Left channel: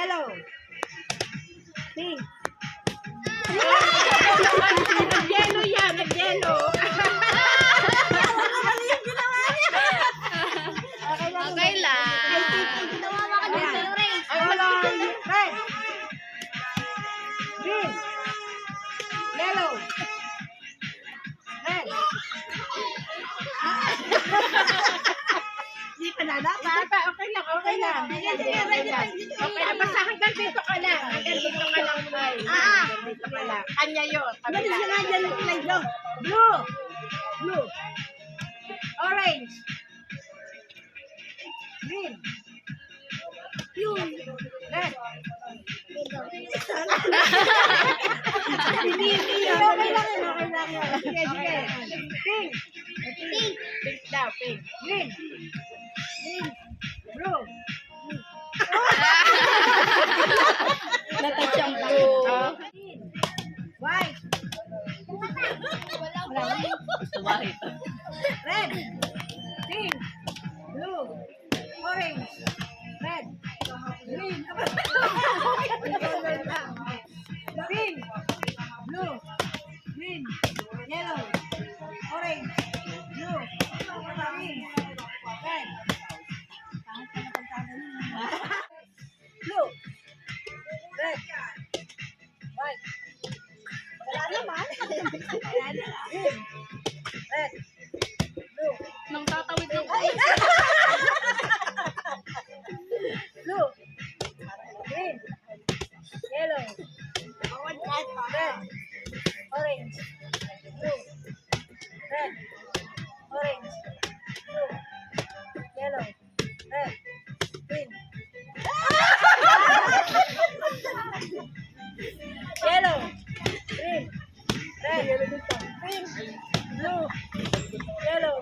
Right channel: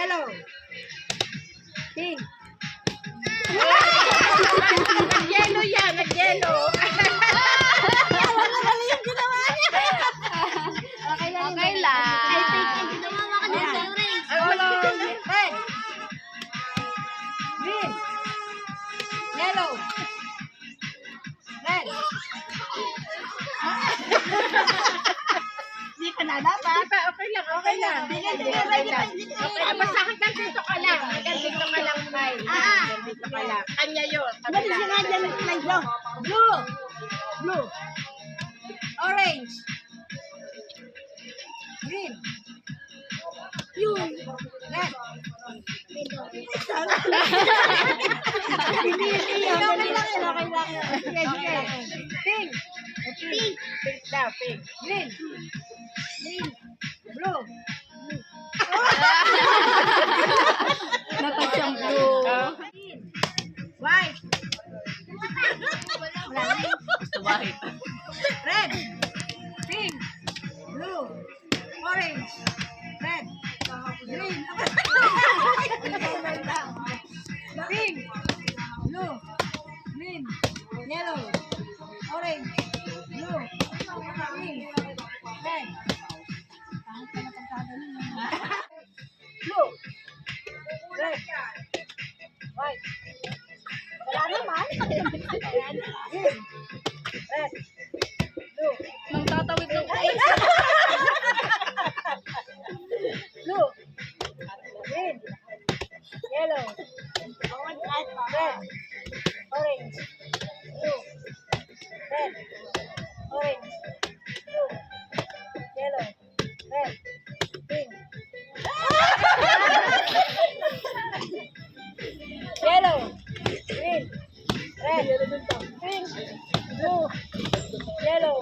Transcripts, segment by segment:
Yellow. Pink. Nag-yellow yan, nag-yellow. Okay lang. Okay lang. I think Nawawa ka din sa orange. color red. Green. Yellow. Red. Hindi pa na dapat. Okay lang, okay lang. Okay lang. Okay, basta hanggang dito ka lang. Hanggang dito ka lang, Tay. Hanggang dito ka lang. Kanya yun. Ano siya nga dyan yung play blue? Blue. Blue. Orange. Green. Blue. Red. Okay lang yun. Okay lang yun. Sige, sige. Pink. Pink. Pink daw, pink. Green. Green. Blue. Green. White. White. Red. Pink. Blue. Orange. Red. Green. Pink. Blue. Green. Yellow. Orange. Blue. Green. Red. Blue. Red. White. Wala naman. Green. Red. Blue. Nang tatawid ng Blue. Green. Yellow. Red. Orange. Blue. Red. Orange. Blue. Yellow. Red. Pink. Yellow. Green. Red. Pink. Blue. Yellow.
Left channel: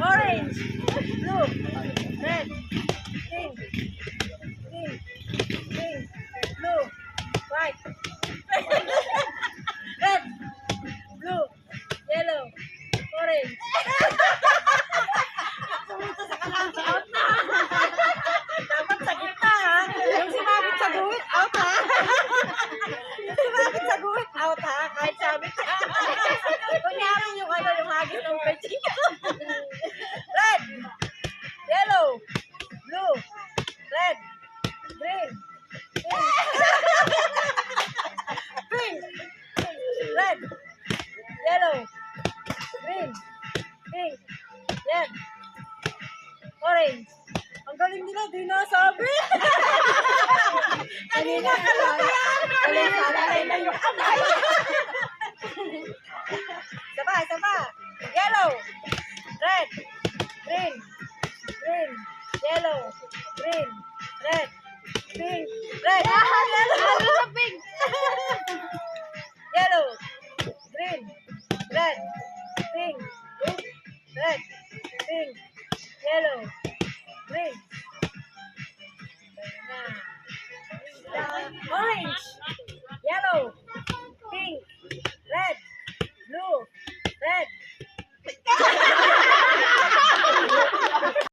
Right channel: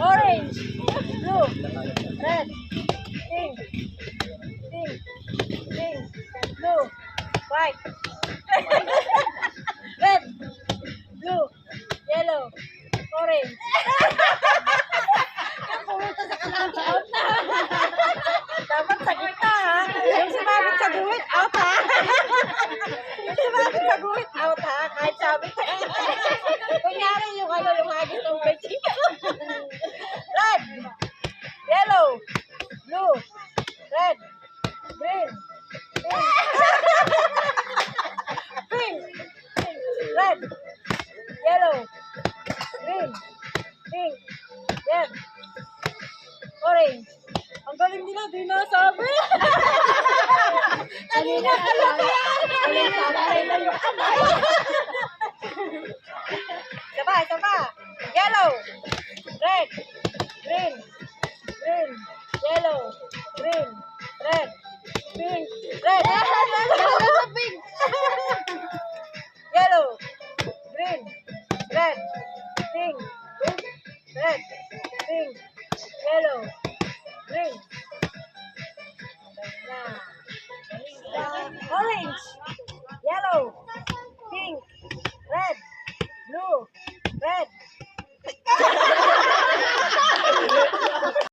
Orange. Blue. Red. Pink. Pink. Pink. Blue. White. Red. Blue. Yellow. Orange. Yung pumunta sa kalaki, out na. Dapat sa gitna, ha? Yung sumabit sa guhit, out, ha? Yung sumabit sa guhit, out, ha? Kahit sabi ka. Kunyari yung ano, yung hagis ng bedsheet. Red. Yellow. Blue. Red. Green. Pink. Pink. Red. Yellow. Green. Pink. Red. Orange. Ang galing nila, di nasabi. Kanina ka lang yan. Kanina ka lang. Saba, saba. Yellow. Red. Green. Green. Yellow. Green. Red. Pink. Red. Yellow. pink. Yellow. Green. Red. Pink. Red. Pink. Yellow. Green. Orange. Yellow.